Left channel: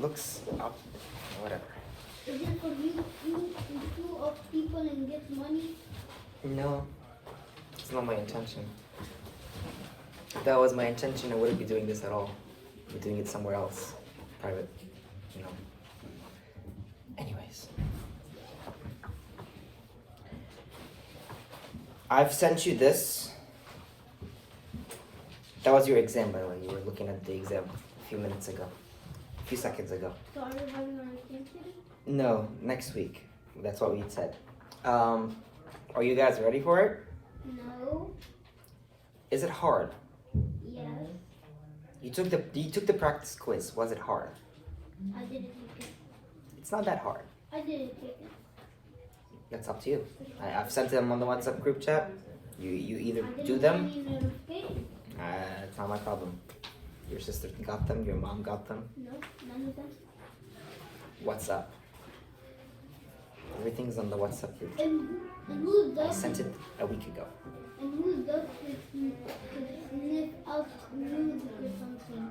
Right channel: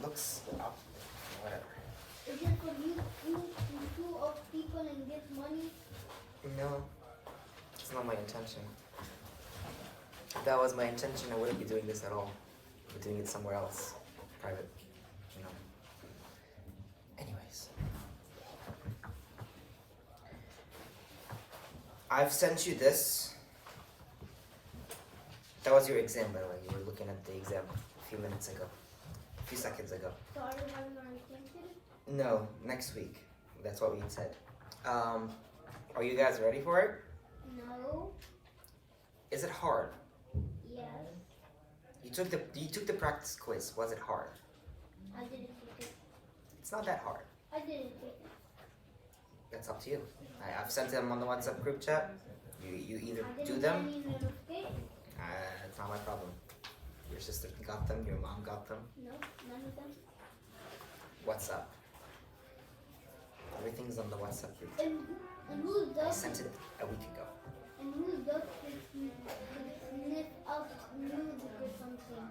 looks whatever. Is it for you to up people and get money? No, it's not my intention. If that was my intention, I wouldn't be doing this at all. I'd be doing it somewhere else, private, you know. Anyways, I've sent you this. That was your exam, by the way. You were looking at the exam a few minutes ago, a few seconds ago. So are you having an exam today? No, next week. That's what we had said. Are you guys ready for it? No. Is it hard? Yes. You took the practice quiz. Was it hard? I didn't take it. It's not that hard. I didn't take it. That's up to you. I've sent them on the WhatsApp group chat. You either I didn't do get them. any notification. It's not my problem. Your sister got them. Your mom got them. No, none of them. What's up? Everything's on the WhatsApp group chat. And who I does sent it a week ago. and who does sniff out music or something?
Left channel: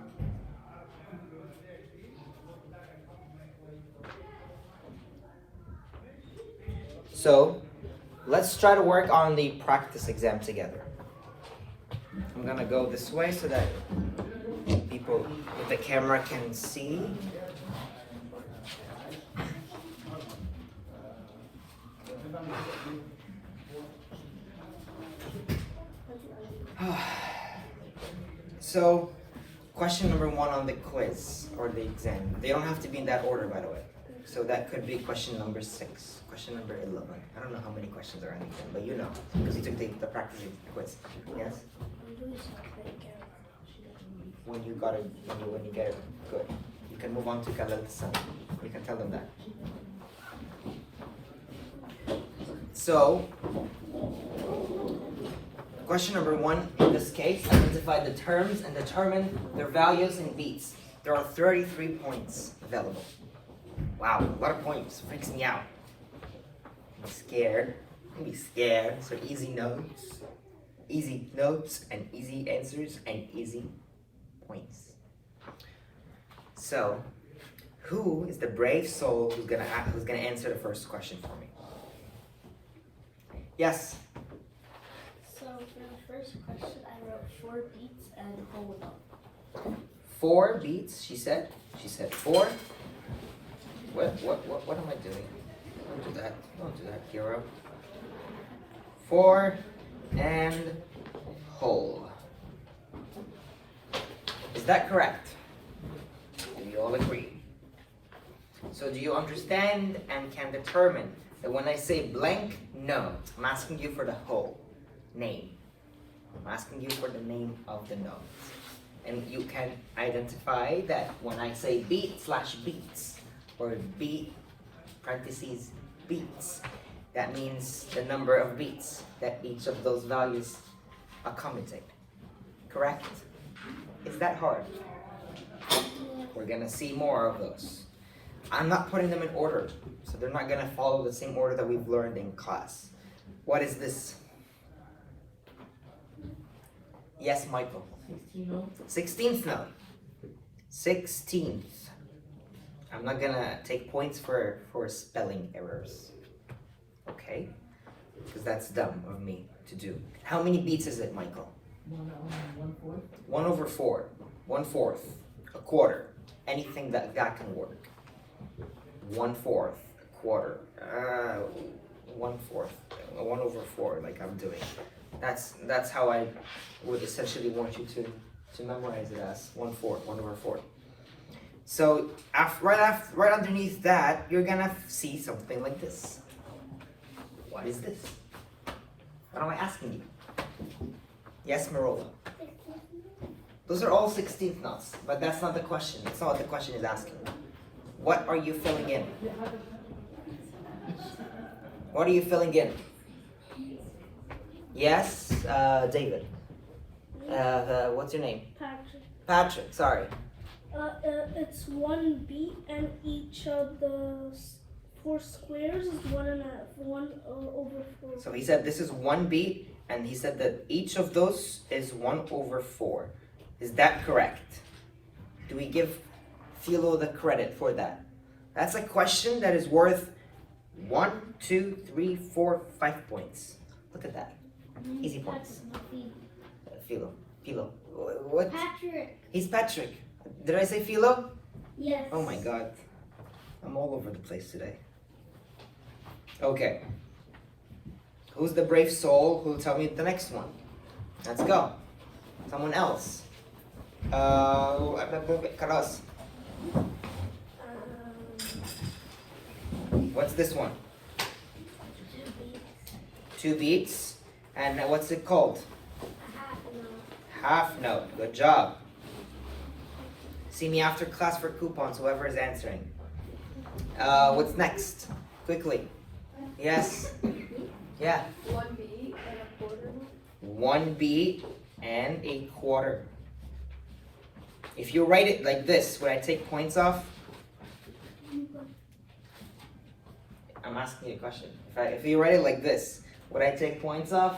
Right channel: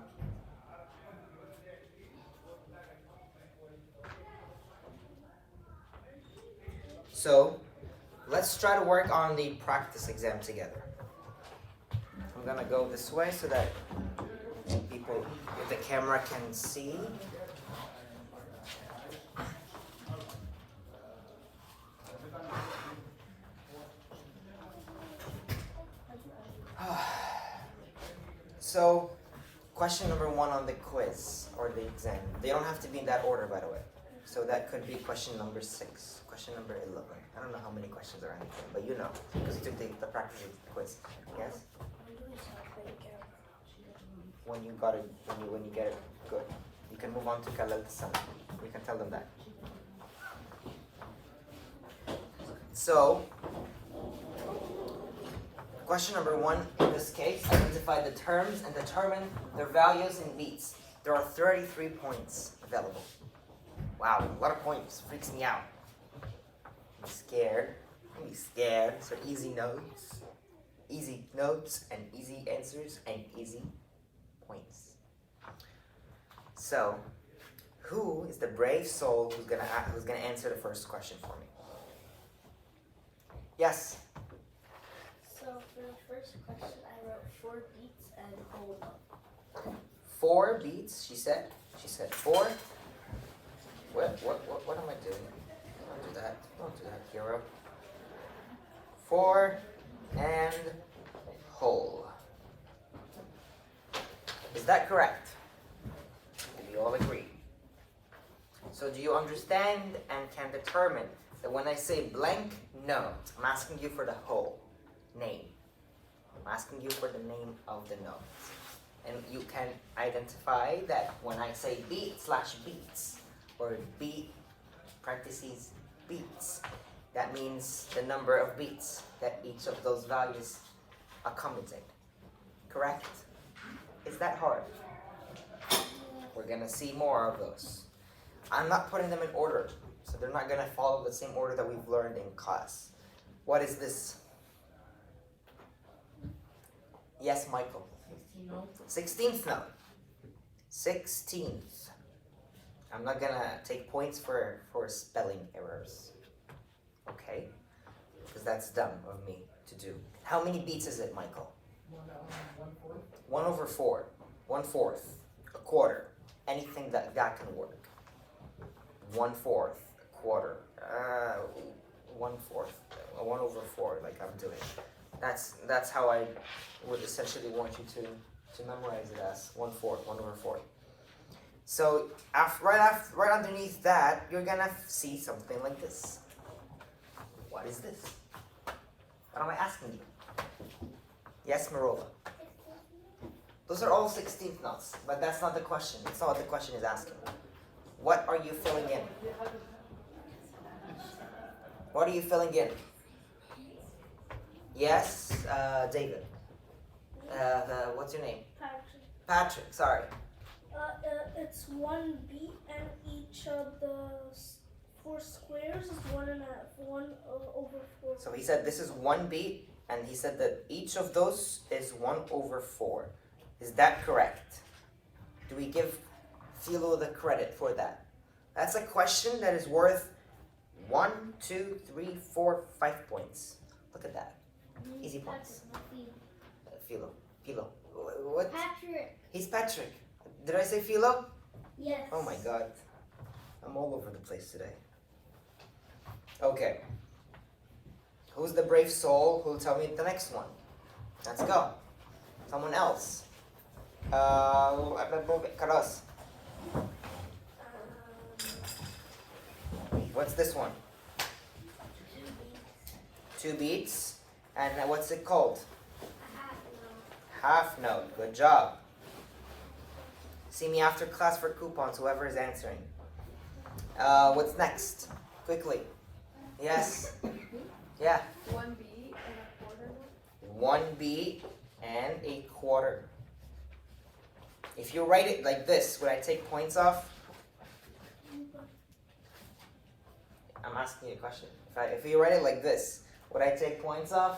So, let's try to work on the practice exam together. I'm gonna go this way so that people with the camera can see. So, question number 1 on the quiz or the exam. They don't have to be in that order, by the way. So that could be question number 6, question number 11. I don't know how many questions are in the exam, but you know, because you took the practice quiz. Yes? When you got it, when you get it good, you can move on to Khaled San. You can tell them that. So, question number 1, in this case, identify the terms and determine their values in beats. There are 33 points available. Wow, a lot of points. Freaks me out. I'm scared. Don't be scared. So easy notes. Easy notes and easy answers and easy points. So, who is the brave soul who's gonna answer the first question for me? Yes. So for the first question, I wrote 4 beats and hold. 4 beats, she said. She said 4. What am I doing? Don't do that. Don't do that, hero. 4 and whole. Is that correct? Do you all agree? So do you understand and can determine that when I say blank note, I'm asking you for the whole name. I'm asking you for the name of the note. And you can identify that when I say beat/beats or beat parentheses beats, that means the number of beats that each of those values accommodate. Correct? Is that hard? We're gonna see more of those. I'm not putting them in order, so they're not gonna follow the same order that we've learned in class. What is this? Yes, Michael. 16th note. 16th. I'm not gonna take points for spelling errors. Okay? Because that's dumb of me to do. How many beats is it, Michael? 1 over 4. 1/4. A quarter. Anything that can work. 1/4. A quarter. 1/4. 1 over 4, like I'm doing. That's how I would essentially want you to memorize it as 1/4, 1 over 4. So right underneath that, you're gonna see something like this. What is this? What am I asking you? Yes, Marola. Those are all 16th notes, but that's not the question. That's not what the question is asking. What are you filling in? What are you filling in? Yes, David. What's your name? Patrick. Patrick, sorry. It's 1 beat, and each of those 4 squares is 1 over 4. So he said this is 1 beat, and he said that each of those is 1 over 4. Is that correct? Do we give Philo the credit for that. That's a question that is worth 1, 2, 3, 4, 5 points. Look at that. Easy points. Philo. What? Patrick. He's Patrick. Did I say Philo? Yes. Oh my god. I'm all over the place today. Okay. Who's the brave soul who'll tell me the next one? Let's go. Someone else. Karos. What's this one? 2 beats. And what's it called? Half note. Good job. See me after class for coupons, whoever is answering. What's next? Quickly. Yes. Yeah. 1 beat and a quarter. 1 beat and a quarter. If you write it like this, would I take points off? I'm asking you a question. If you write it like this, would I take points off?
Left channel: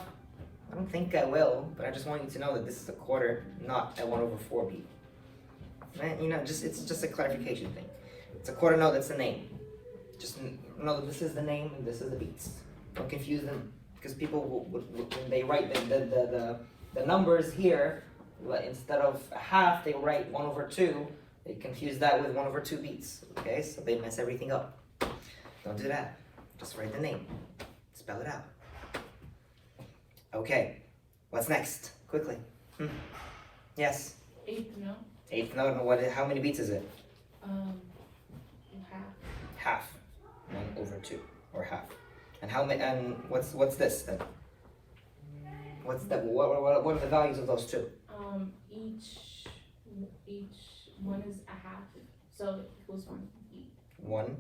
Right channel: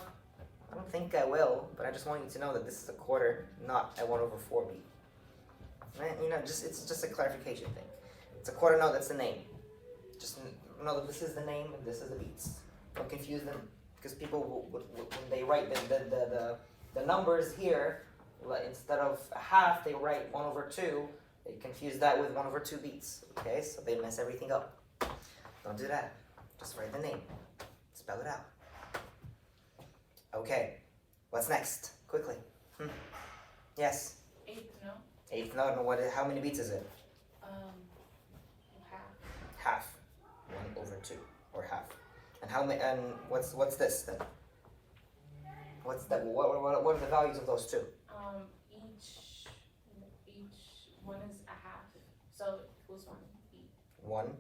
I don't think I will, but I just want you to know that this is a quarter, not a 1/4 beat. You know, it's just a clarification thing. It's a quarter note, that's the name. Just know that this is the name and this is the beats. Don't confuse them, because people, when they write the numbers here, instead of half, they write 1/2. They confuse that with 1/2 beats. Okay, so they mess everything up. Don't do that. Just write the name. Spell it out. Okay, what's next? Quickly. Yes. 8th note. 8th note, and how many beats is it? Half. Half. 1/2, or half. And how many? And what's this then? What's that? What are the values of those two? Each one is a half, so it equals 1 beat. 1.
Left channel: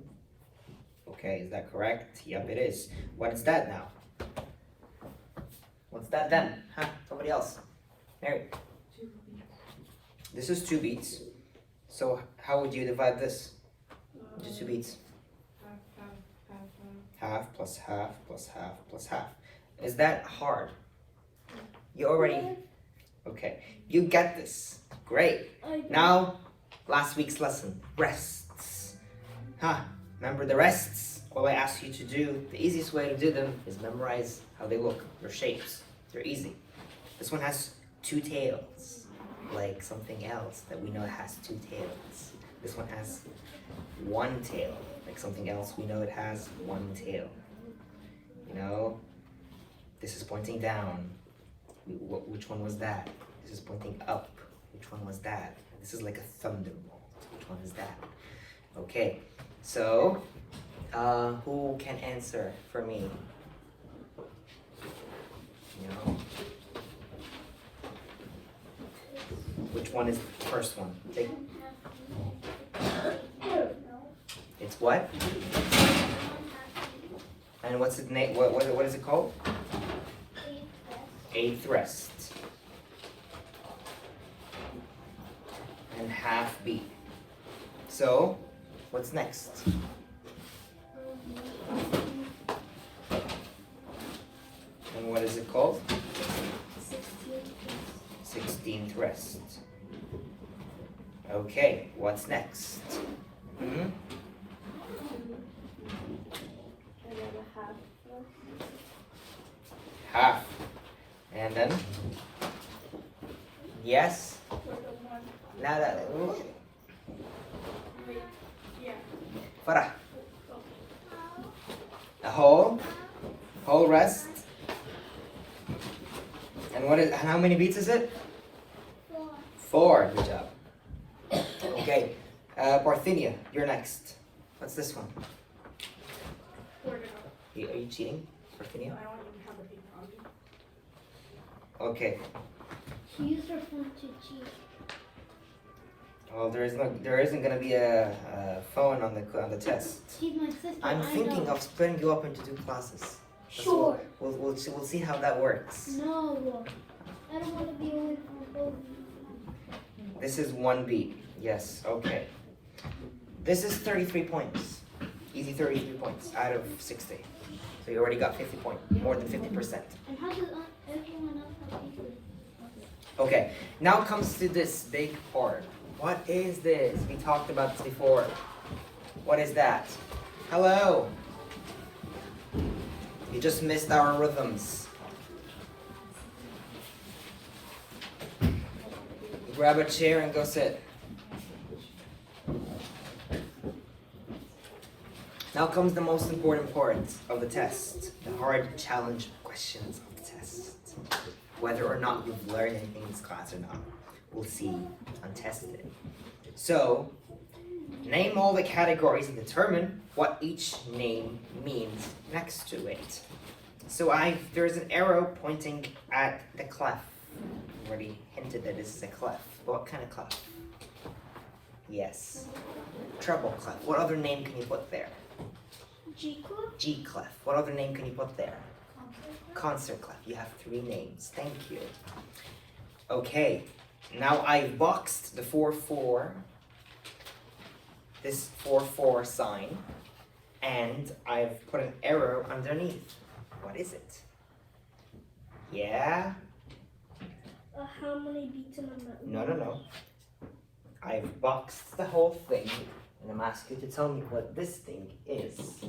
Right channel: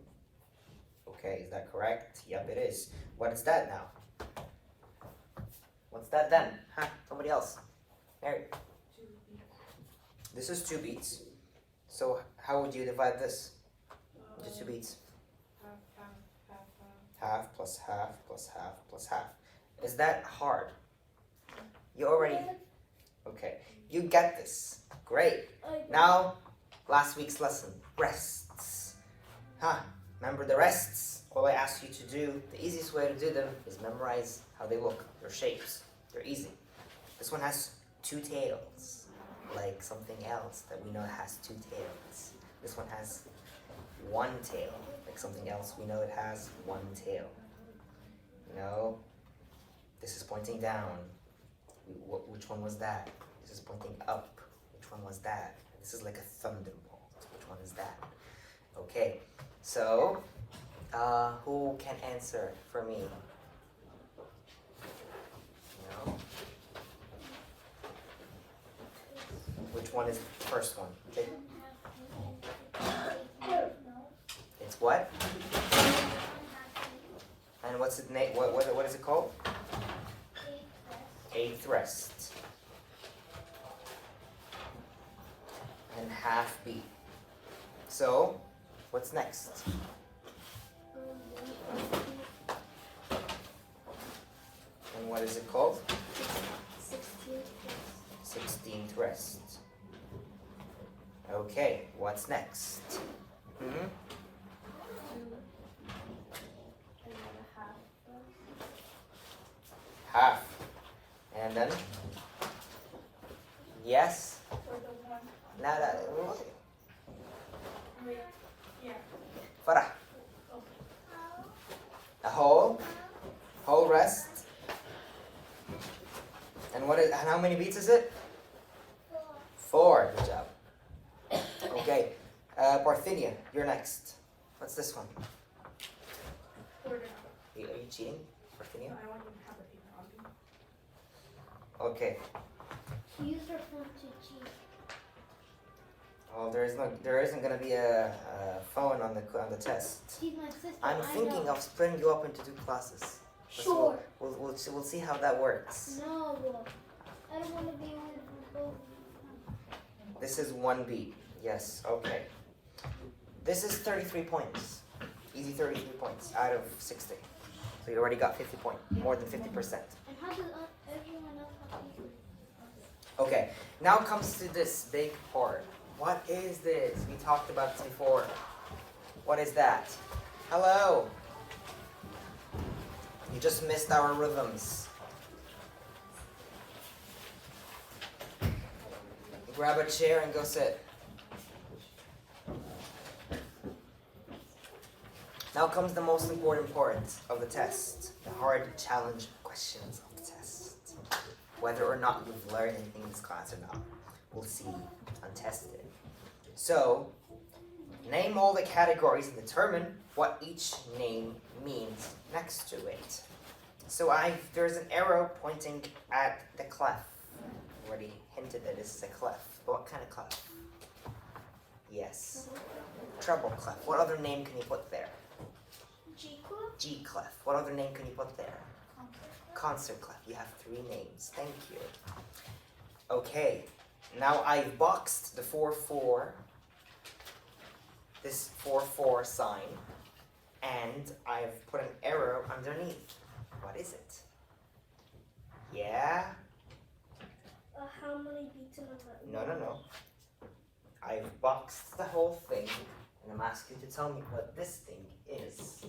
Okay, is that correct? Yep, it is. What is that now? What's that then? Huh? Somebody else. Mary. 2 beats. This is 2 beats. So how would you divide this into 2 beats? Half plus half plus half plus half. Is that hard? You already... Okay, you get this. Great. Now, last week's lesson, rests. Remember the rests? All I ask you to do, the easiest way to do them is memorize how they look, their shapes. They're easy. This one has 2 tails, like something else that we know has 2 tails. This one has 1 tail, like something else we know it has 1 tail. You know, this is pointing down. Which one was that? This is pointing up. Which one was that? This is like a thunderbolt. Which one is that? Okay, so who can answer for me? You know, which one is the first one? It's what? And what's its name? What is it called? 8th rest. And half beat. So, what's next? And what is it called? 16th rest. Okay, what's next? Half. And then? Yes? Now that... Farah. A whole rest. And and how many beats is it? 4. Good job. Okay. Parthenia, you're next. What's this one? Are you cheating, Parthenia? Okay. She used her phone to cheat. Well, there isn't gonna be a phone on the test. She's my sister. I'm thinking of splitting you up into 2 classes. Sure. We'll see how that works. No. I don't want to be away from my phone. This is 1 beat. Yes. Okay. This is 33 points. Easy 33 points out of 60. So you already got 50 points, more than 50%. And how does everyone else? Okay. Now comes to this big part. What is this? We talked about this before. What is that? Hello. You just missed our rhythms. Grab a chair and go sit. Now comes the most important part of the test, the hard challenge questions of the test. Whether or not you've learned anything in this class or not, we'll see on tested. So, name all the categories and determine what each name means next to it. So there's an arrow pointing at the clef. I already hinted that this is a clef. But what kind of clef? Yes. Treble clef. What other name can you put there? G clef. G clef. What other name can you put there? Concert clef. You have 3 names. Thank you. Okay. Now I've boxed the 4-4. This 4-4 sign. And I've put an arrow underneath. What is it? Yeah? How many beats in a minute? No. I've boxed the whole thing, and I'm asking you to tell me what this thing is.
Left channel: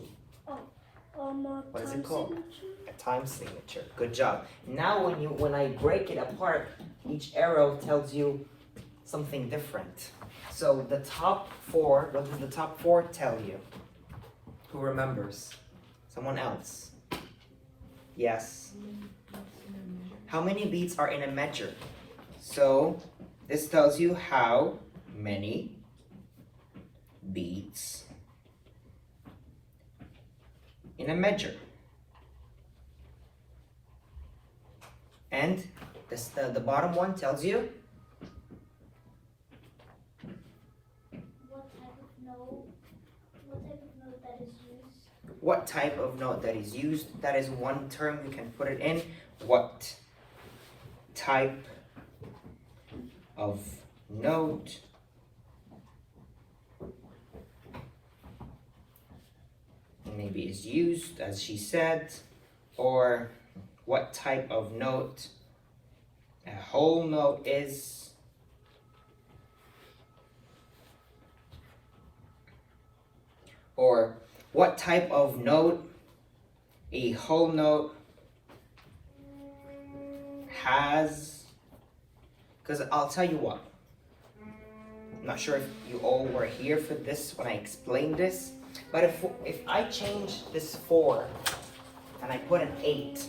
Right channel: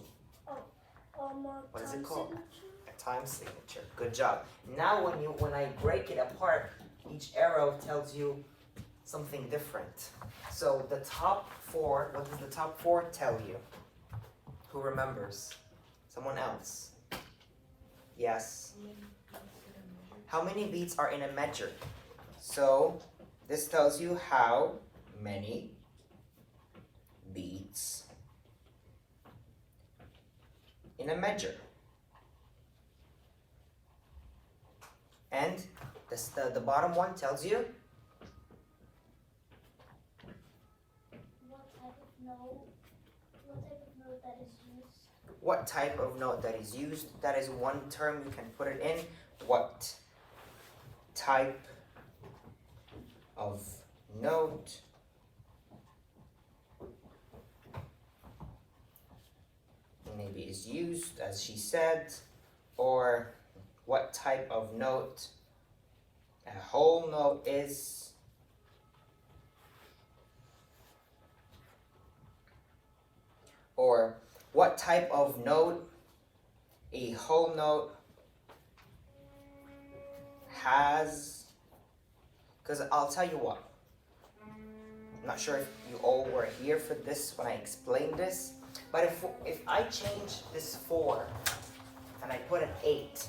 What is it called? Signature? A time signature. Good job. Now when I break it apart, each arrow tells you something different. So the top 4, what does the top 4 tell you? Who remembers? Someone else? Yes. How many beats are in a measure? So this tells you how many beats in a measure. And the bottom one tells you what type of note that is used. That is one term you can put it in. What type of note maybe is used, as she said, or what type of note a whole note is, or what type of note a whole note has. Because I'll tell you what, I'm not sure if you all were here for this when I explained this, but if I change this 4 and I put an 8,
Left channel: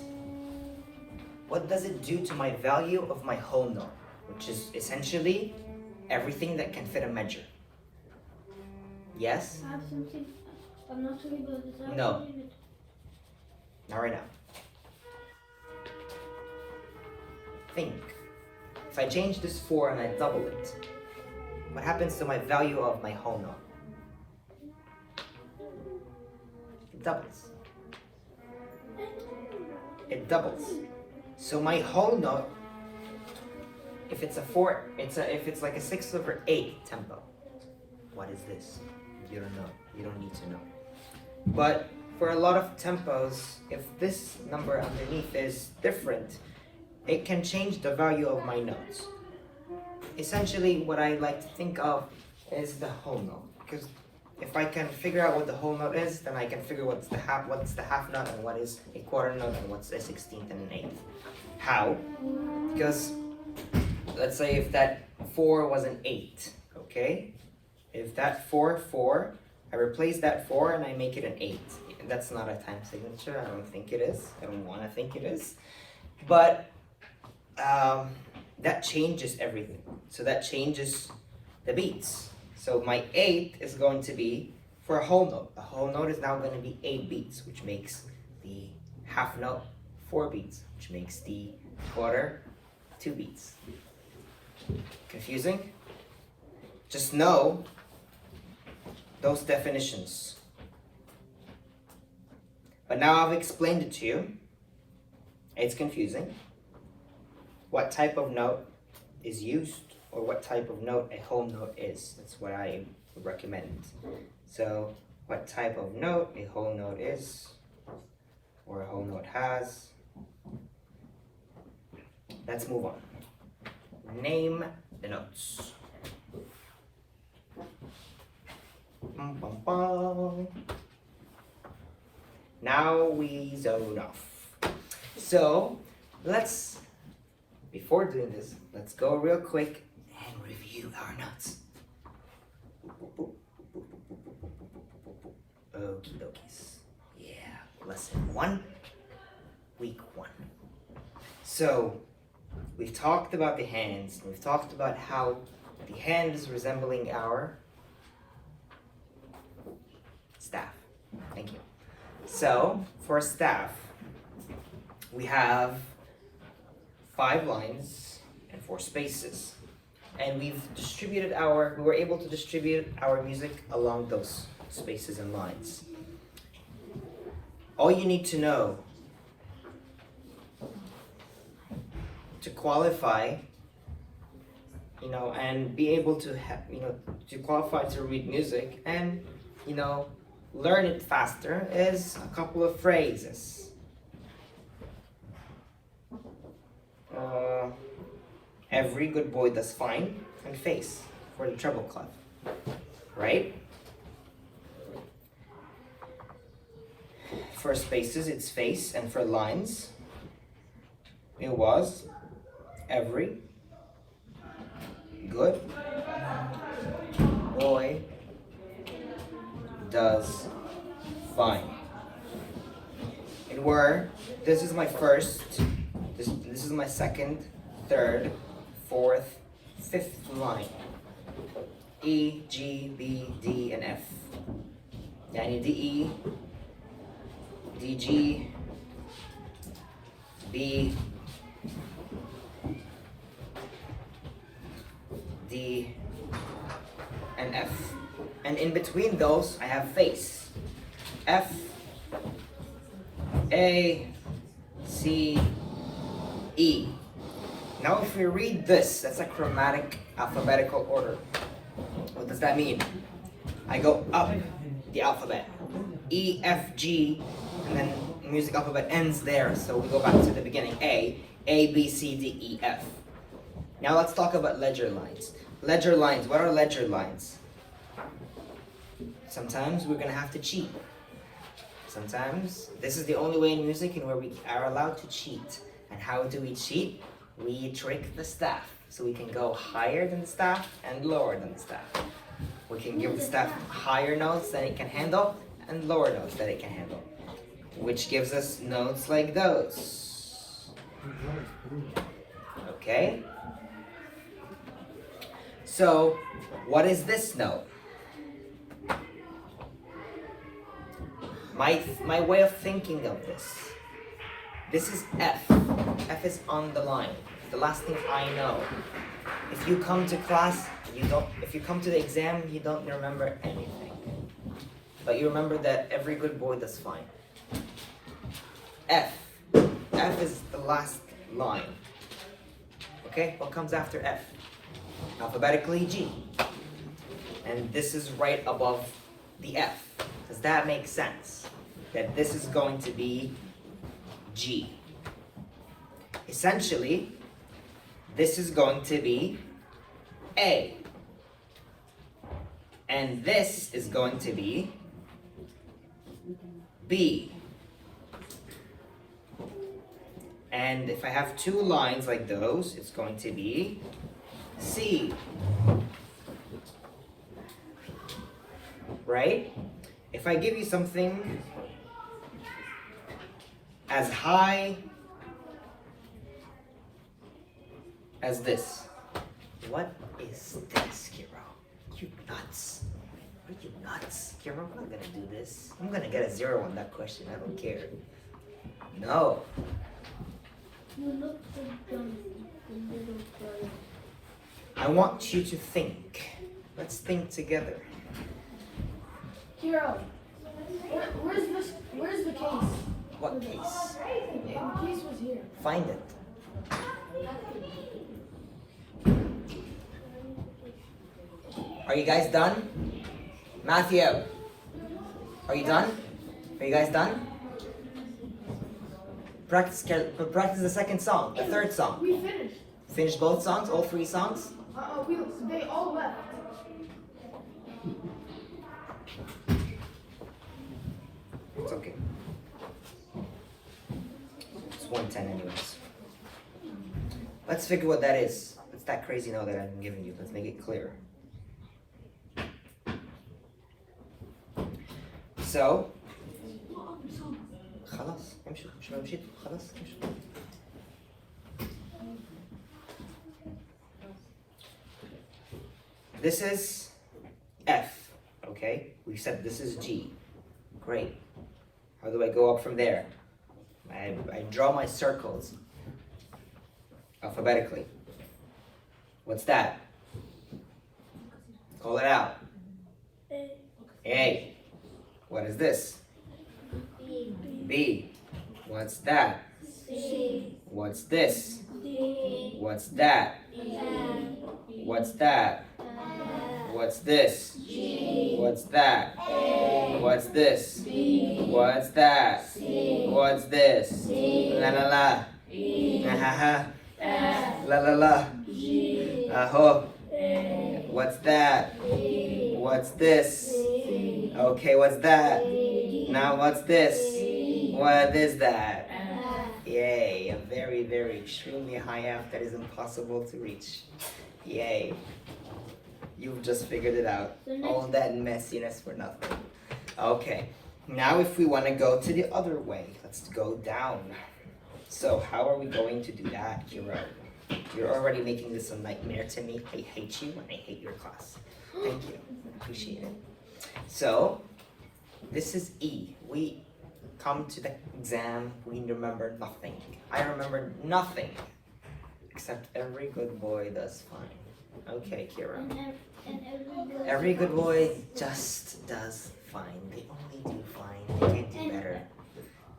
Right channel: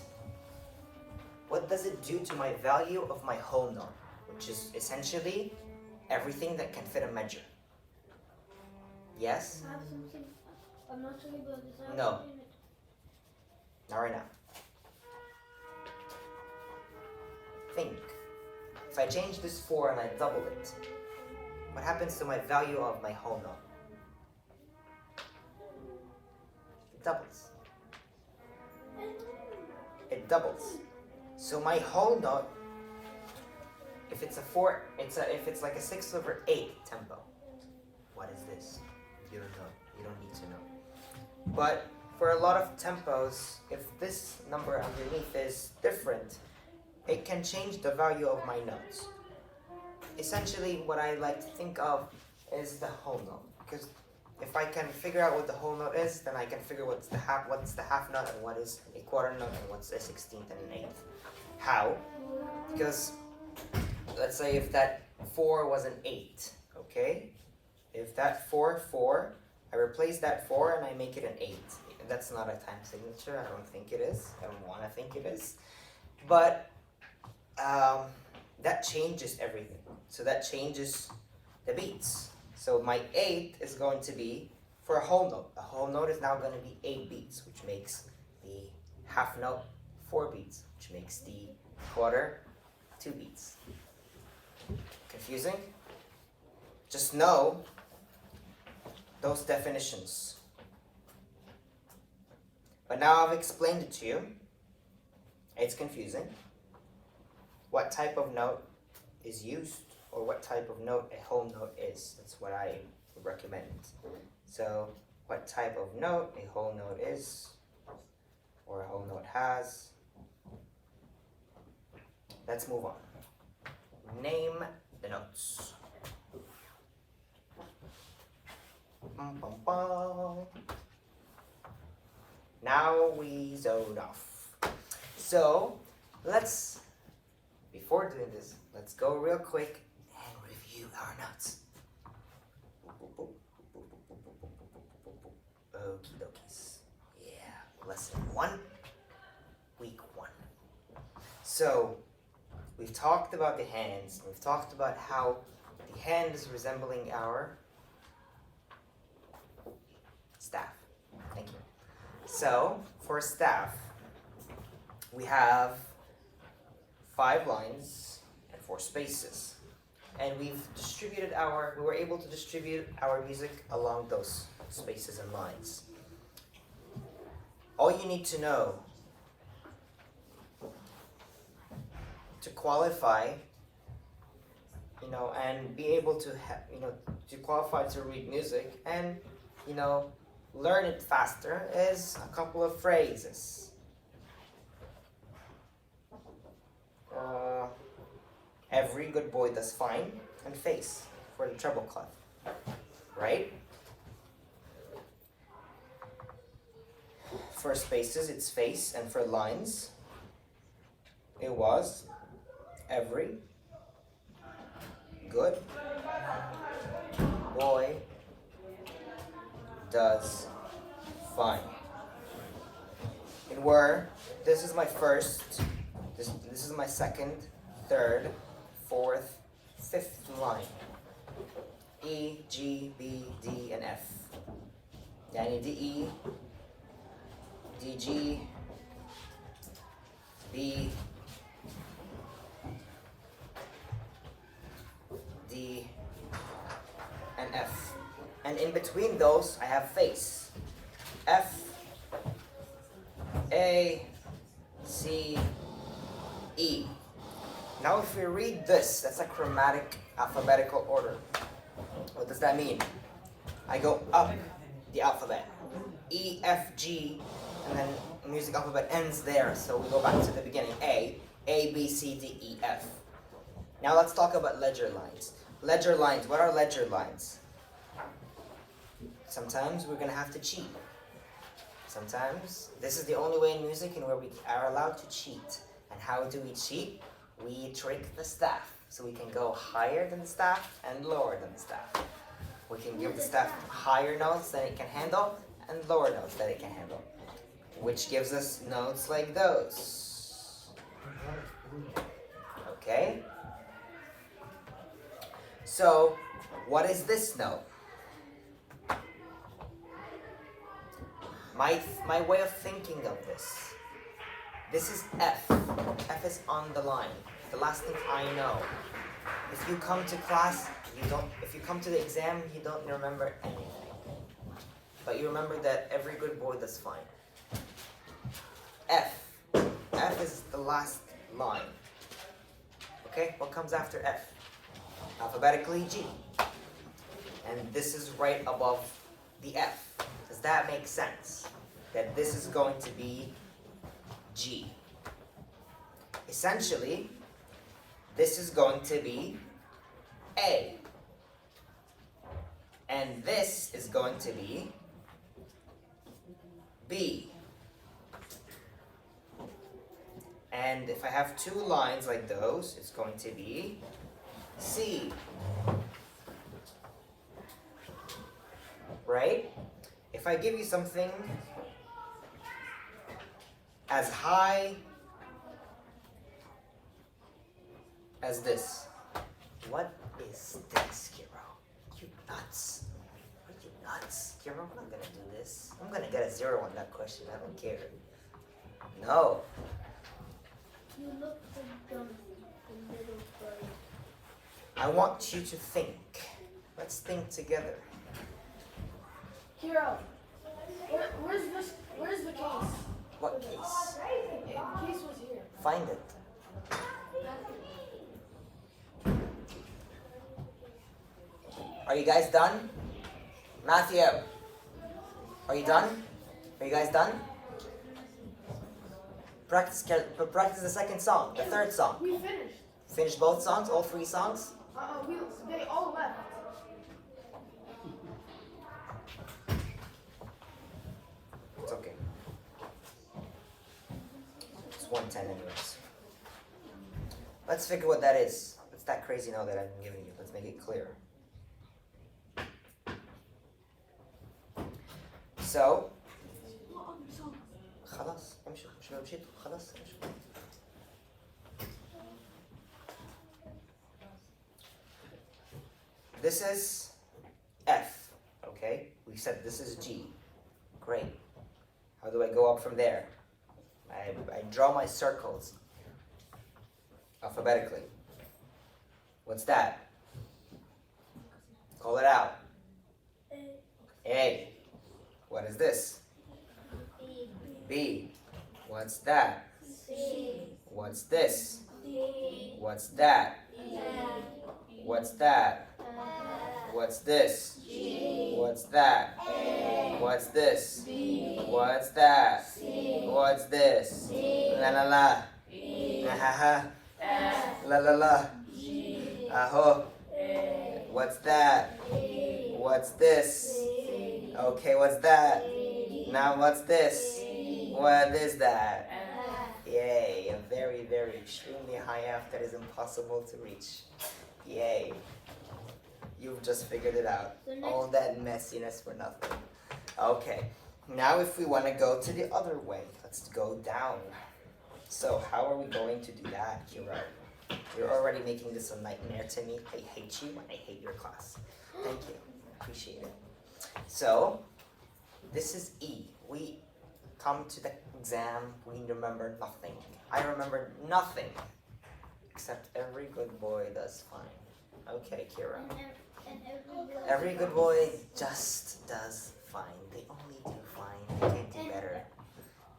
what does it do to my value of my whole note, which is essentially everything that can fit a measure? Yes? I have something. I'm not talking about this. No. Not right now. Think. If I change this 4 and I double it, what happens to my value of my whole note? It doubles. It doubles. So my whole note, if it's a 4, if it's like a 6/8 tempo. What is this? You don't know. You don't need to know. But for a lot of tempos, if this number underneath is different, it can change the value of my notes. Essentially, what I like to think of is the whole note, because if I can figure out what the whole note is, then I can figure what's the half note and what is a quarter note and what's a 16th and an 8th. How? Because let's say if that 4 was an 8, okay? If that 4, I replace that 4 and I make it an 8. That's not a time signature. I don't think it is. I don't want to think it is. But that changes everything. So that changes the beats. So my 8 is going to be for a whole note. The whole note is now going to be 8 beats, which makes the half note 4 beats, which makes the quarter 2 beats. Confusing? Just know those definitions. But now I've explained it to you. It's confusing. What type of note is used, or what type of note a whole note is. That's what I would recommend. So, what type of note a whole note is, or a whole note has. Let's move on. Name the notes. Bum, bum, bum. Now we zone off. So let's, before doing this, let's go real quick and review our notes. Okie dokies. Yeah, lesson 1, week 1. So we've talked about the hands. We've talked about how the hand is resembling our staff. Thank you. So for staff, we have 5 lines and 4 spaces. And we were able to distribute our music along those spaces and lines. All you need to know to qualify, and be able to to qualify to read music and, learn it faster is a couple of phrases. Every good boy does fine, and face for the treble clef, right? For spaces, it's face, and for lines, it was every good boy does fine. And where this is my first, this is my second, third, fourth, fifth line. E, G, B, D, and F. Yani D, E, D, G, B, D, and F. And in between those, I have face. F, A, C, E. Now if we read this, that's a chromatic alphabetical order. What does that mean? I go up the alphabet. E, F, G, and then the music alphabet ends there, so we go back to the beginning. A, B, C, D, E, F. Now let's talk about ledger lines. Ledger lines, what are ledger lines? Sometimes we're gonna have to cheat. Sometimes this is the only way in music in where we are allowed to cheat. And how do we cheat? We trick the staff. So we can go higher than the staff and lower than the staff. We can give the staff higher notes that it can handle and lower notes that it can handle, which gives us notes like those. Okay? So, what is this note? My way of thinking of this. This is F. F is on the line. The last thing I know. If you come to class, if you come to the exam, you don't remember anything. But you remember that every good boy does fine. F. F is the last line. Okay, what comes after F? Alphabetically G. And this is right above the F. Does that make sense? That this is going to be G. Essentially, this is going to be A. And this is going to be B. And if I have 2 lines like those, it's going to be C. Right? If I give you something as high as this, what is this, Kiro? You nuts. Are you nuts? Kiro, I'm not gonna do this. I'm gonna get a 0 on that question. I don't care. No. You look dumb. I want you to think. Let's think together. Hero, where's the case? What case? The case was here. Find it. Are you guys done? Matthew, are you done? Are you guys done? Practice the second song, the third song. We finished. Finish both songs, all 3 songs? They all left. It's 110 anyways. Let's figure what that is. What's that crazy now that I'm giving you? Let's make it clear. So خلاص امشوا مش لو مشيت خلاص امشوا. This is F, okay? We said this is G. Great. How do I go up from there? I draw my circles alphabetically. What's that? Call it out. A, A. What is this? B. What's that? C, What's this? D, What's that? M, What's that? What's this? What's that? What's this? What's that? What's this? La la la. Ha ha. La la la. Aho. What's that? What's this? Okay, what's that? Now what's this? What is that? Yay, a very, very extremely high F that is impossible to reach. Yay. You've just figured it out. All that messiness for nothing. Okay, now if we want to go to the other way, let's go down. So how are we going to do that, Kira? You're already making this a nightmare to me. I hate you and I hate your class. Thank you. Appreciate it. So, this is E. We come to the exam, we remember nothing. I remember nothing. Except every good boy does fine. Okay, Kira. Every good boy just does fine. They only do fine. They can't do better.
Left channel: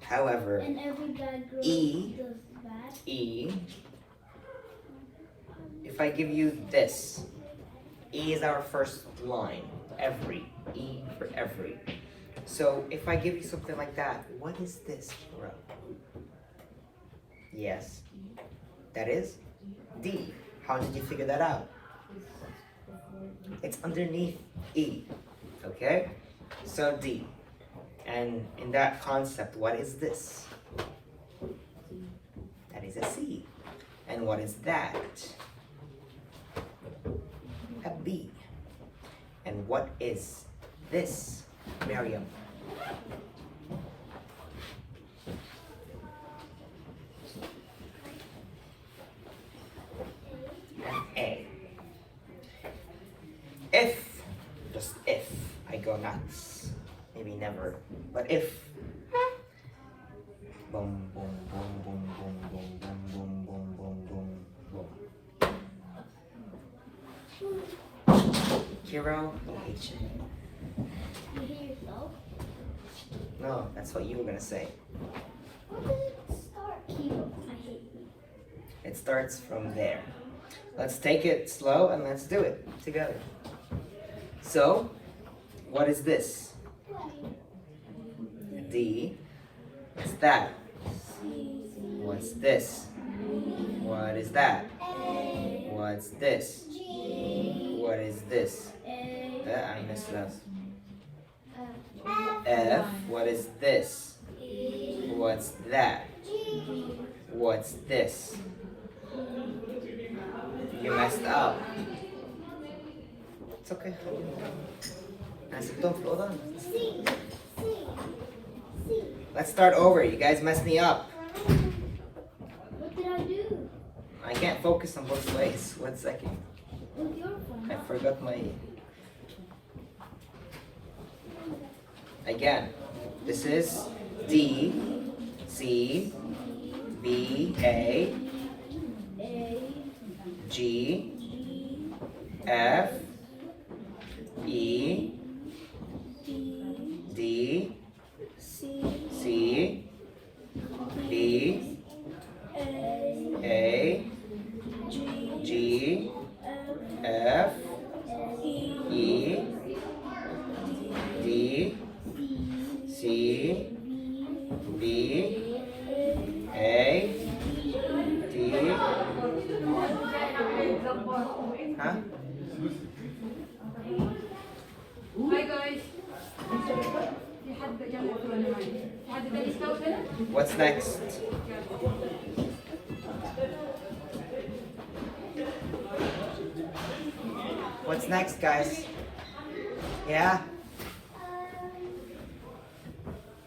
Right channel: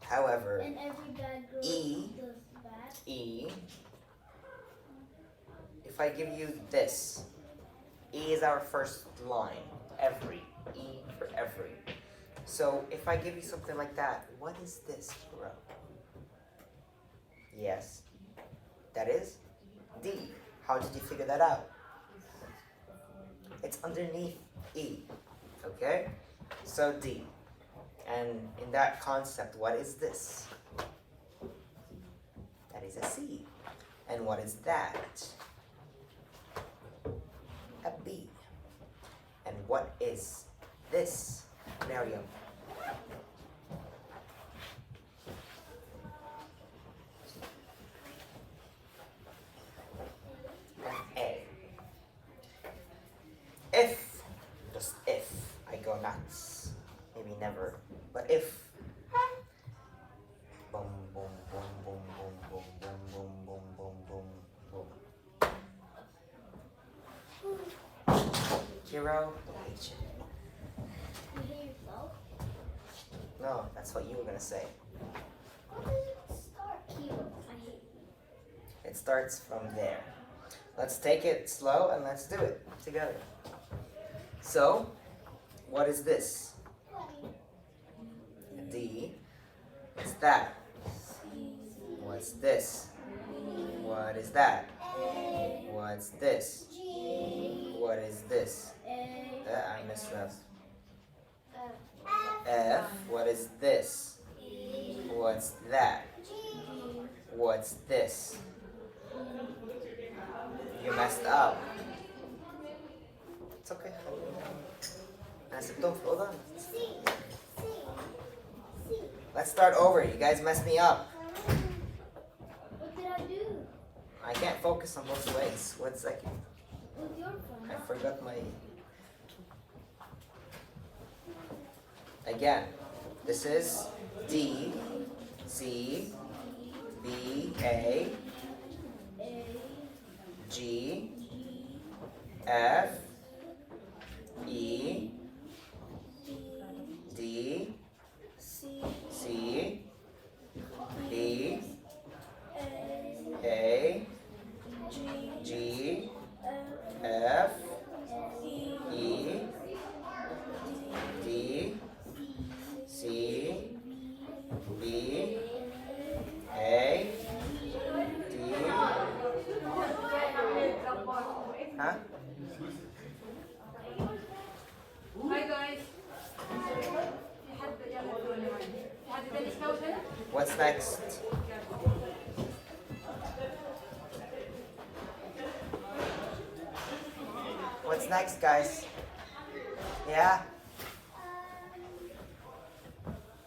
However, and every bad girl E. does bad. E, if I give you this, E is our first line. Every. E for every. So if I give you something like that, what is this, bro? Yes. That is D. How did you figure that out? It's underneath E. Okay? So D. And in that concept, what is this? That is a C. And what is that? A B. And what is this, Miriam? An A. If, just if, I go nuts. Maybe never, but if. Boom, boom, boom, boom, boom, boom, boom, boom, boom, boom, boom, boom. Kiro, I hate you. You hear yourself? No, that's what you were gonna say. What did it start? Kilo. I hate you. It starts from there. Let's take it slow and let's do it together. So, what is this? D. What's that? What's this? What is that? What's this? What is this? I missed that. F. What is this? What's that? What's this? You messed up. It's okay. Don't float on. Let's start over. You guys messed me up. What did I do? I can't focus on both ways. 1 second. With your phone. I forgot my. Again, this is D, C, B, A, A, G, G, F, E, D, D, C, C, B, A, A, G, G, F, F, E, E, D, C, B, A, D. Huh? هاي جايز في حد يلا في حد تاني يسمع كده؟ What's next? What's next, guys? Yeah?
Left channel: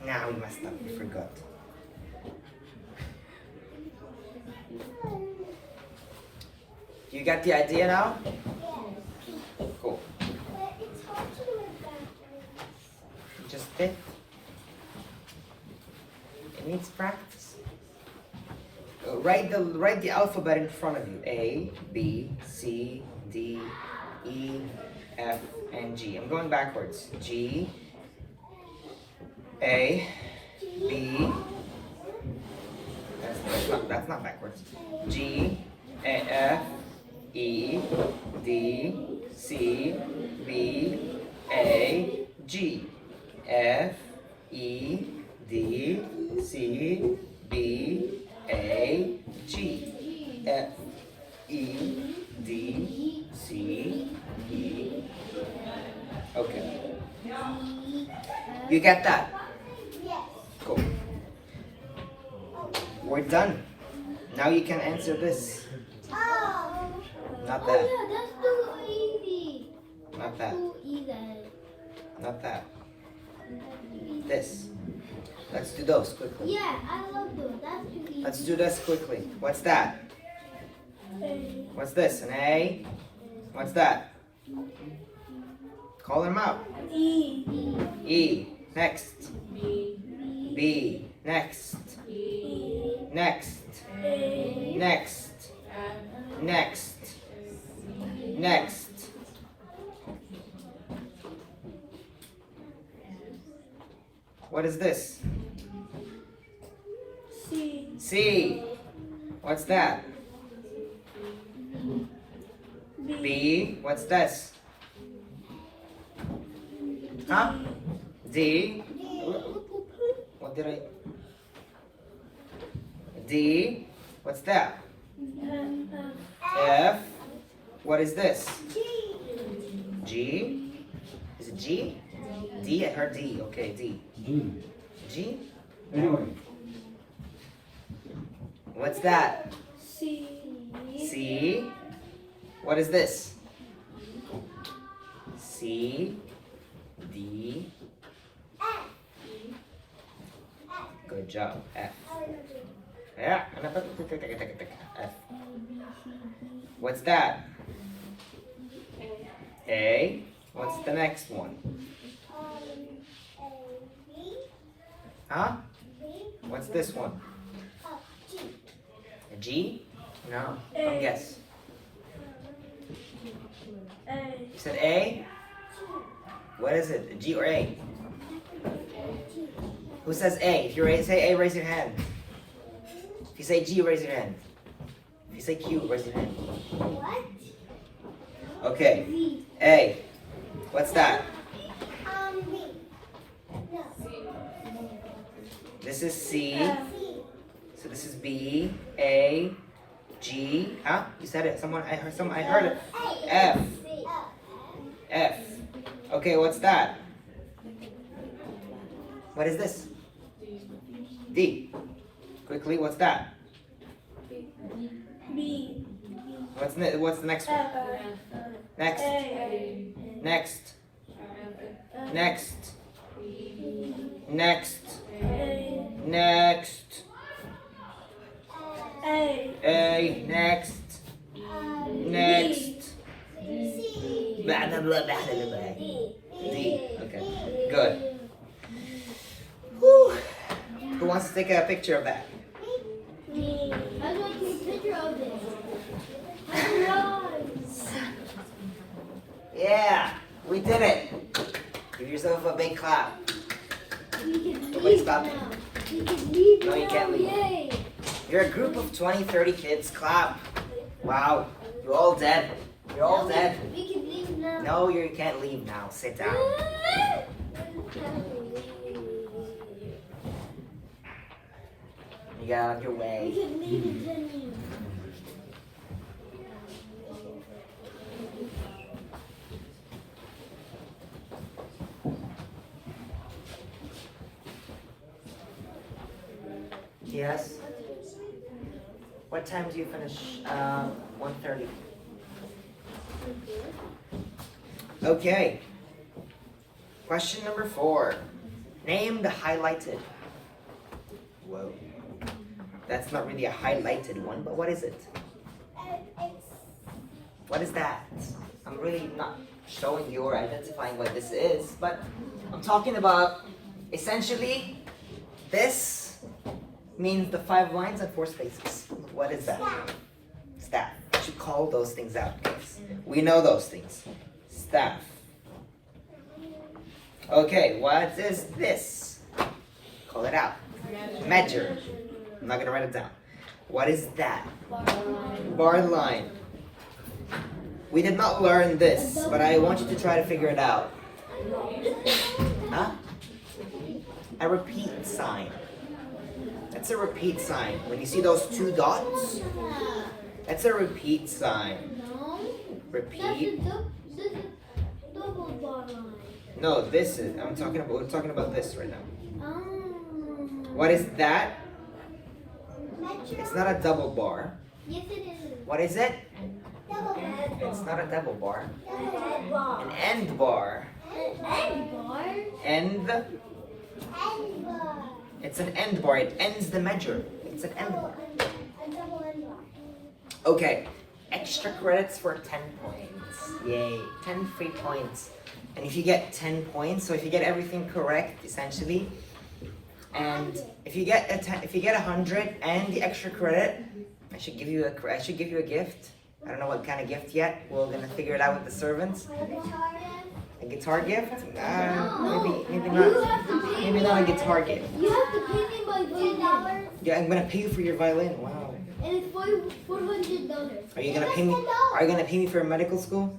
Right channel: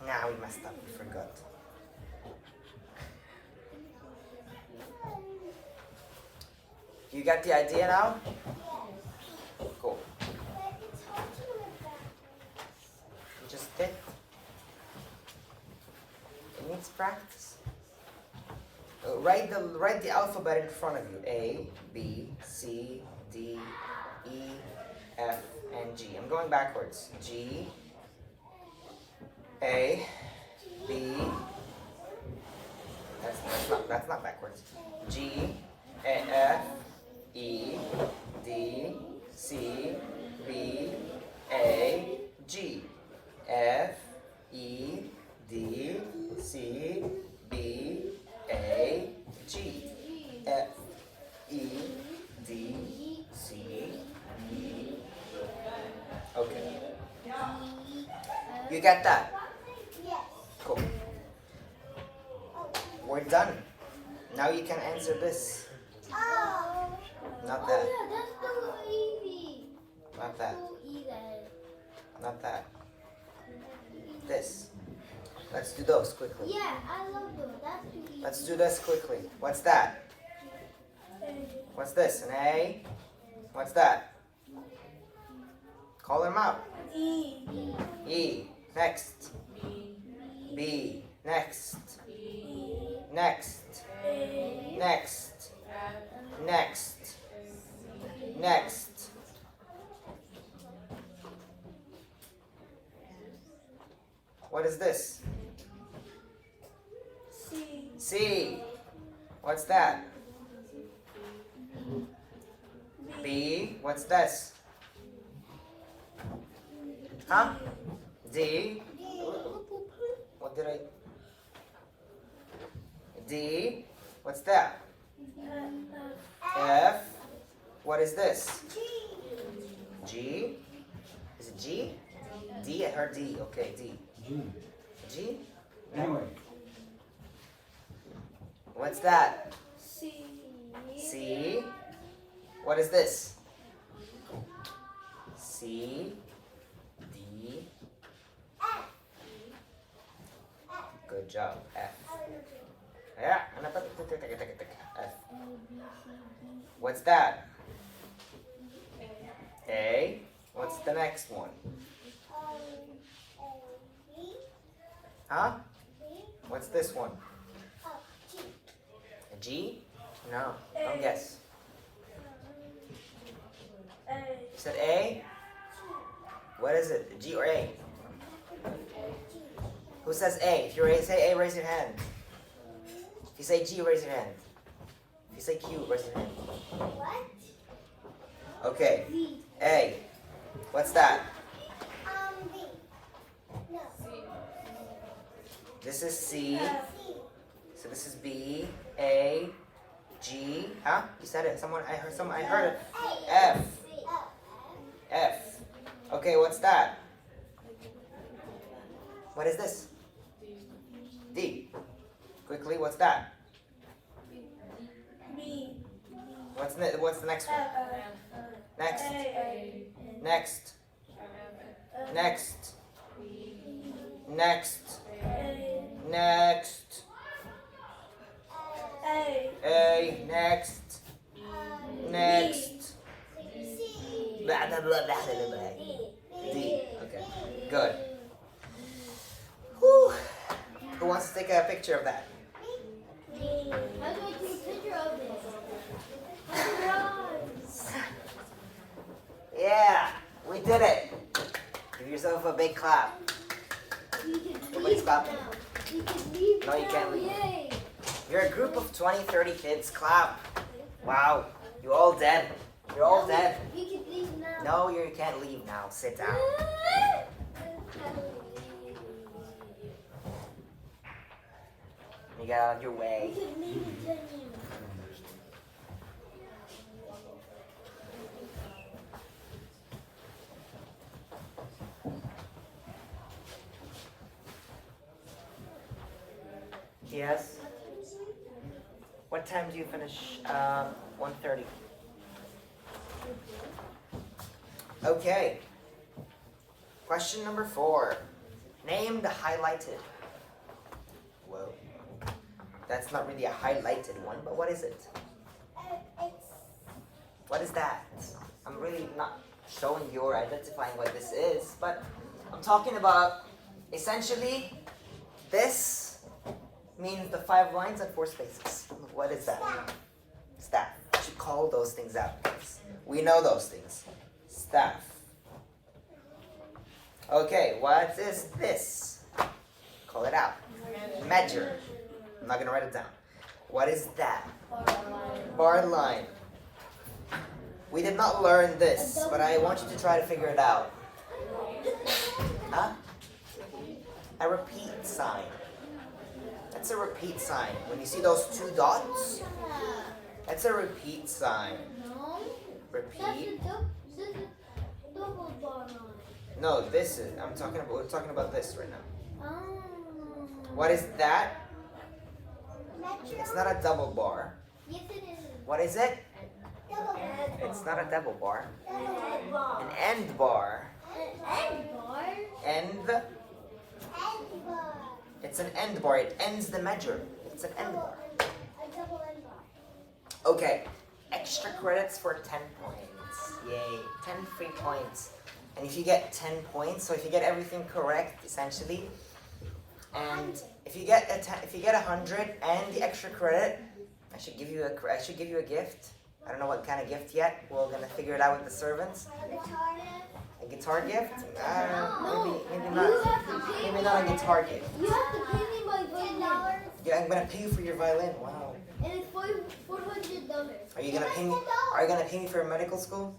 Nah, we messed up. We forgot. You got the idea now? Cool. Just it. It needs practice. Write the alphabet in front of you. A, B, C, D, E, F, and G. I'm going backwards. G, A, B. That's not backwards. G, A, F, E, D, C, B, A, G. F, E, D, C, B, A, G. F, E, D, C, E. Okay. You get that? Cool. We're done. Now you can answer this. Not that. That's too easy. Not that. Too easy. Not that. This. Let's do those quickly. Yeah, I love those. That's too easy. Let's do this quickly. What's that? What's this? An A? What's that? Call them out. E, E. Next. B, B. Next. E, Next. A, Next. F, Next. C, Next. What is this? C, C. What's that? B, B. What's this? Huh? D. What did I? D. What's that? F. What is this? G. Is it G? D. I heard D. Okay, D. G. G. Anyway, What's that? C, C. What is this? C. D. Good job. F. Yeah. F. What's that? A. What's the next one? Huh? What's this one? A G? No. Don't guess. A, You said A? What is it? G or A? Who says A? If you say A, raise your hand. If you say G, raise your hand. If you say Q, raise your hand. What? Okay. Z. A. What's that? B. No. This is C. F, So this is B, A, G. Huh? You said it. I heard it. F. F. Okay, what's that? What is this? D. Quickly, what's that? B, What's the next one? F, Next. A, Next. Next. Next. A, Next. A. Next. Next. Blah, blah, blah, blah, blah, blah. D. Okay. Good. Whew. Who wants to take a picture of that? D, I'm going to take a picture of this. Yeah, we did it. Give yourself a big clap. You can Nobody leave stop now. me. You can leave No, you now. can't leave. Yay. You're a group of 20, 30 kids. Clap. Wow. You're all dead. You're all dead. We can leave now. No, you can't leave now. Sit down. You get out of your We way. can leave then. Yes. What time do you finish? 1:30. Okay. Question number 4. Name the highlighted. Whoa. That's not really a highlighted one, but what is it? What is that? I'm really not showing you or identifying what this is, but I'm talking about essentially this means the 5 lines and 4 spaces. What is that? Staff. You should call those things out, guys. We know those things. Staff. Okay, what is this? Call it out. Measure. I'm not gonna write it down. What is that? Bar line. We did not learn this, but I want you to try to figure it out. Huh? A repeat sign. That's a repeat sign. When you see those 2 dots, that's a repeat sign. Repeat. No, this is. We're talking about this right now. What is that? It's not a double bar. Yes, it is. What is it? It's not a double bar. An end bar. End. It's an end bar. It ends the measure. It's an end bar. Okay. Extra credits for 10 points. Yay. 10 free points. And if you get 10 points, so if you get everything correct, essentially, and if you get 100 and the extra credit, I should give you a gift. I don't know what kind of gift yet. We're gonna figure it out with the servants. A guitar gift? Maybe not a guitar gift. You have to pay me by $10. Yeah, I'm gonna pay you for your violin. Wow. And it's $400. Are you gonna pay me for medical school?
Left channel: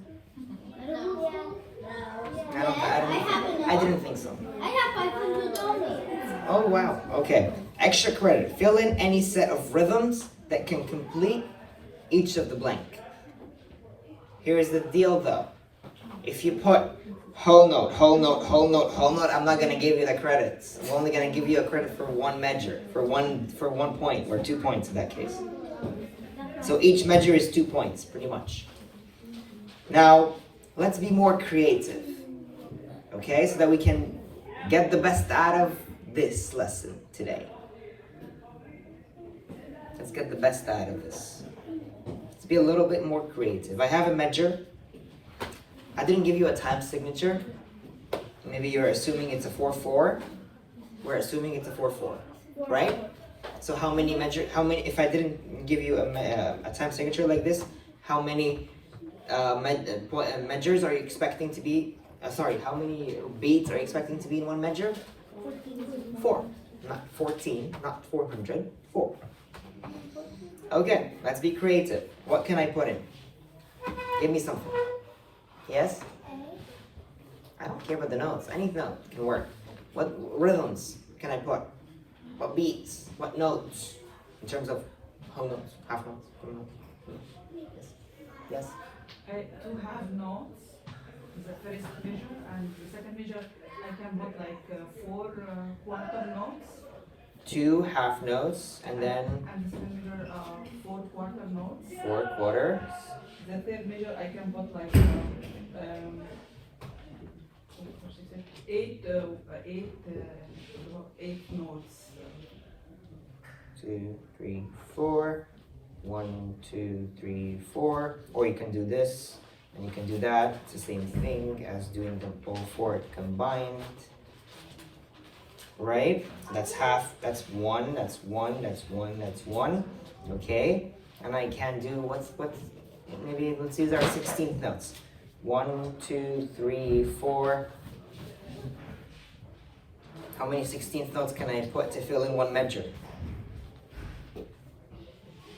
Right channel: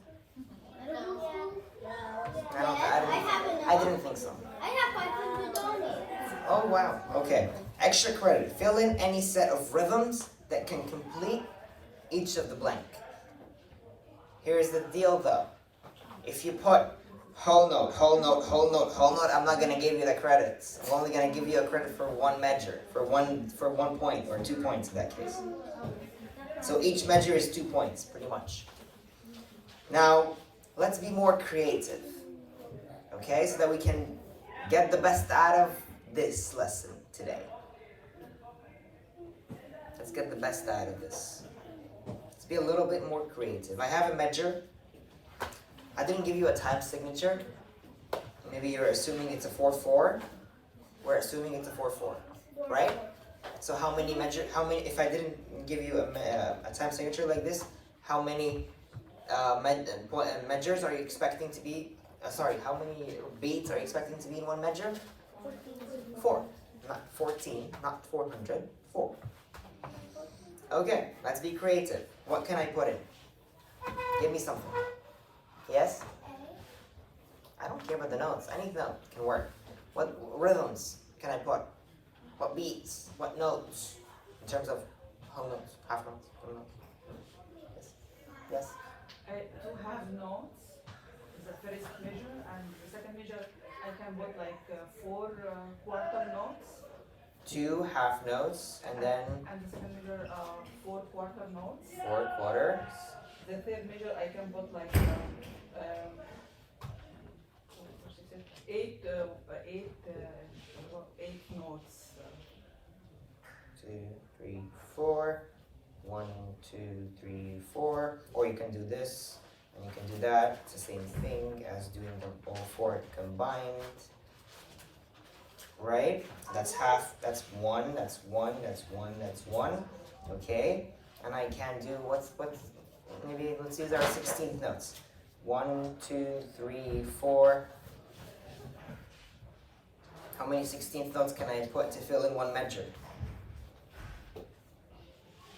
I didn't think so. I have $500. Oh wow. Okay. Extra credit. Fill in any set of rhythms that can complete each of the blank. Here's the deal though. If you put whole note, whole note, whole note, whole note, I'm not gonna give you the credits. I'm only gonna give you a credit for one measure, for one point, or 2 points in that case. So each measure is 2 points, pretty much. Now, let's be more creative. Okay, so that we can get the best out of this lesson today. Let's get the best out of this. Let's be a little bit more creative. I have a measure. I didn't give you a time signature. Maybe you're assuming it's a 4/4. We're assuming it's a 4/4, right? So if I didn't give you a time signature like this, how many measures are you expecting to be? How many beats are you expecting to be in one measure? 4. Not 14, not 400. 4. Okay, let's be creative. What can I put in? Give me something. Yes? I don't care about the notes. Any note can work. What rhythms can I put? What beats? What notes? In terms of whole notes, half notes, full notes. Yes. Yes? To have notes is the first measure, and the second measure I can put like 4 quarter notes. 2 half notes, and then And the second measure 4 quarter notes. 4 quarters. The third measure I can put like 8 notes. 2, 3, 4. 1, 2, 3, 4. Or you can do this, and you can do that. It's the same thing as doing them all 4 combined. Right? That's half. That's 1. That's 1. That's 1. That's 1. Okay. And I can do what's maybe let's use our 16th notes. 1, 2, 3, 4. How many 16th notes can I put to fill in one measure?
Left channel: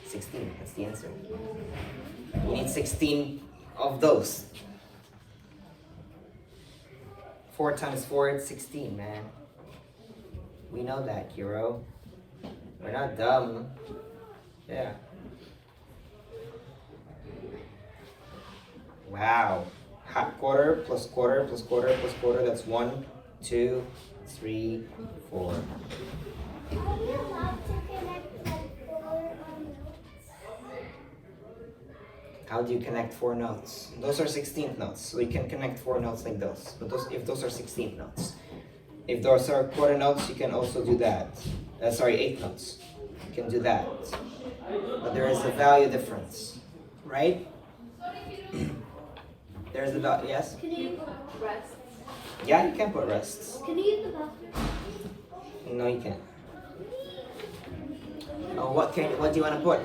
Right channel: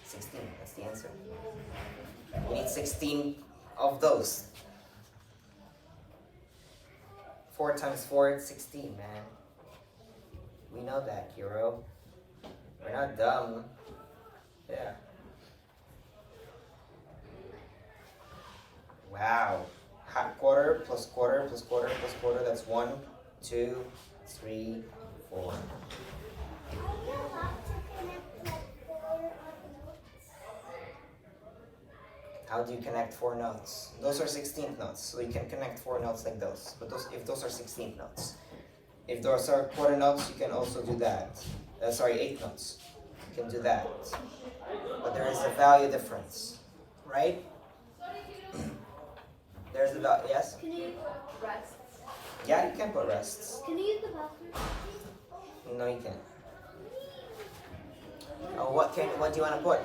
16. That's the answer. We need 16 of those. 4 times 4 is 16, man. We know that, hero. We're not dumb. Yeah. Wow. Half quarter plus quarter plus quarter plus quarter. That's 1, 2, 3, 4. Are you allowed to connect like 4 notes? How do you connect 4 notes? Those are 16th notes, so you can connect 4 notes like those. But if those are 16th notes. If those are quarter notes, you can also do that. Sorry, 8th notes. You can do that. But there is a value difference, right? There's a value, yes? Can you put rests? Yeah, you can put rests. Can you use the bell? No, you can't. Oh, what do you want to put?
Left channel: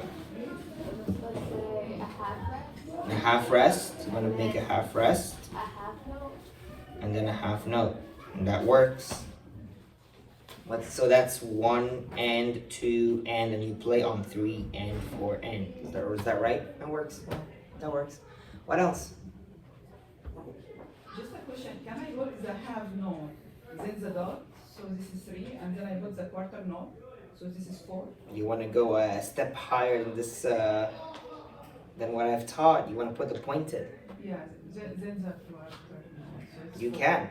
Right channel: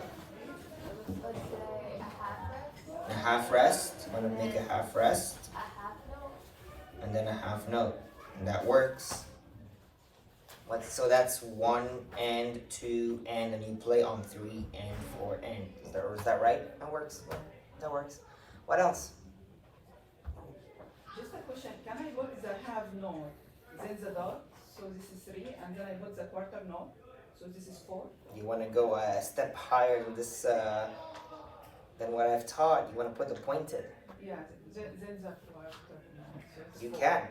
A half rest. A half rest. You want to make a half rest, A half note. and then a half note, and that works. So that's 1 and 2 and you play on 3 and 4 and. Is that right? That works. Yeah, that works. What else? Just a question, can I go with the half note, then the dot, so this is 3, and then I put the quarter note, so this is 4? You want to go a step higher than this, than what I've taught. You want to put the pointed. Yeah, then the quarter note. So it's You 4. can.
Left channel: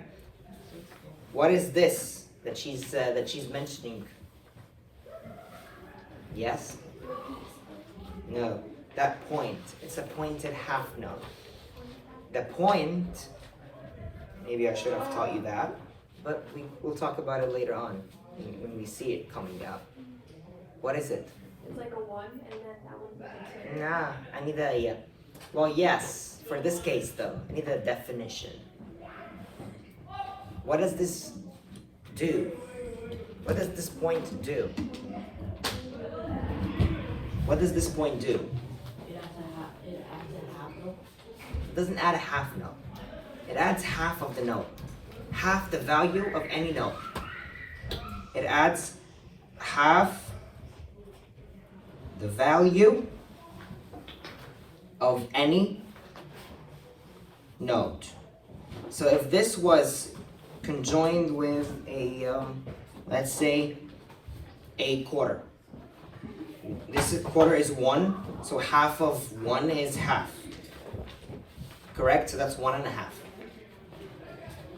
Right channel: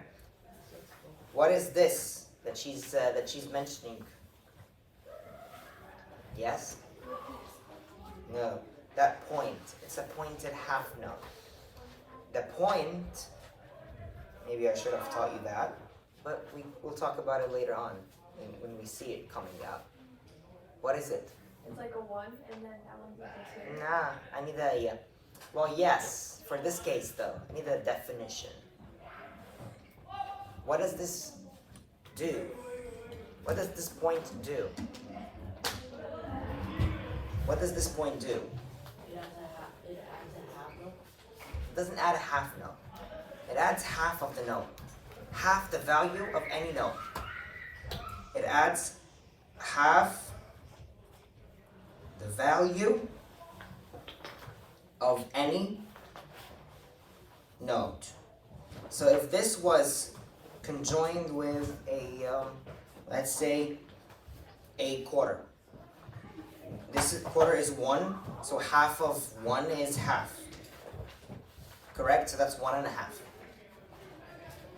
So it's 4. What is this that she's mentioning? Yes? No. That point. It's a pointed half note. The point. Maybe I should have taught you that, but we'll talk about it later on when we see it coming down. What is it? It's like a 1 and then that one's like a 2. Nah, I need a. Well, yes. For this case, though, I need a definition. What does this do? What does this point do? What does this point do? It doesn't add a half note. It adds half of the note. Half the value of any note. It adds half the value of any note. So if this was conjoined with a, let's say, a quarter. Quarter is 1, so half of 1 is half. Correct? So that's 1 1/2.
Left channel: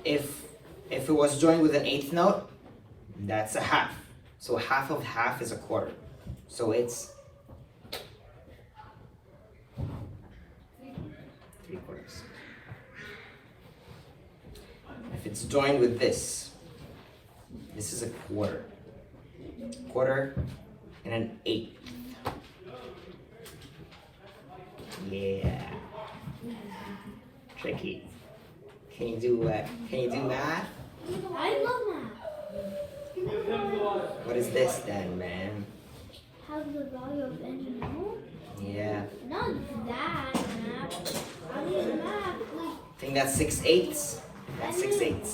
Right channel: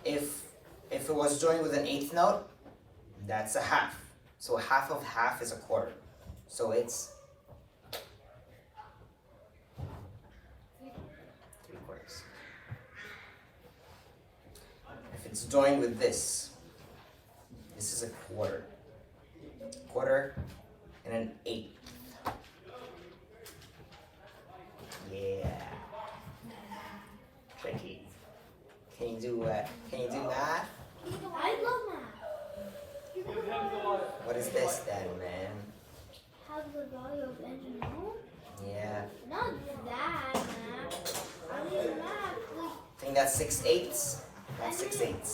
If it was joined with an 8th note, that's a half. So half of half is a quarter. So it's 3/4. If it's joined with this is a quarter. Quarter and an 1/8. Yeah. Tricky. Can you do math? I love math. What is this then, man? Has the value of engine note? Yeah. Not that math. I mean math. I think that's 6/8. That's 6/8.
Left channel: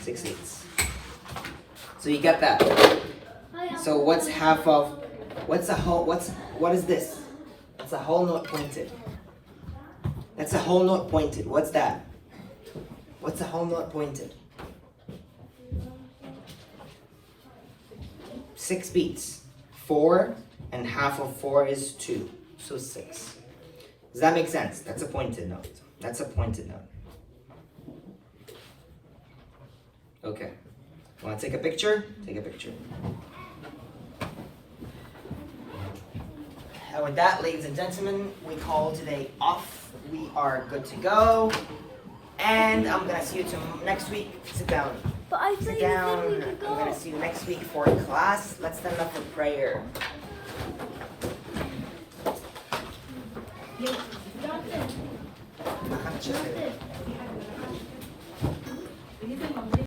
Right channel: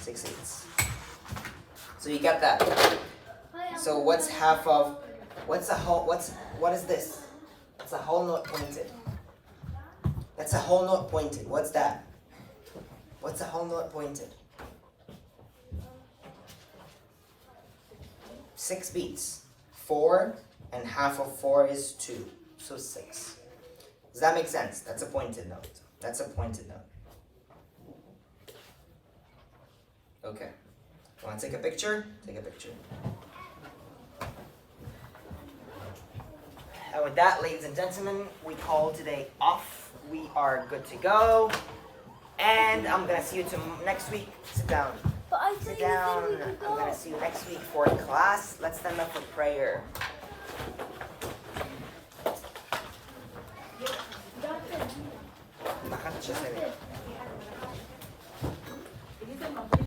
6/8. So you get that. So what's half of? What is this? That's a whole note pointed. That's a whole note pointed. What's that? What's a whole note pointed? 6 beats. 4 and half of 4 is 2. So 6. Does that make sense? That's a pointed note. That's a pointed note. Okay. Want to take a picture? Take a picture. And with that, ladies and gentlemen, we call today off. We are good to go. And I'm going to see you next week. Sit down. But I Sit said down. I'm going to see you next week for class. Let's stand up for prayer.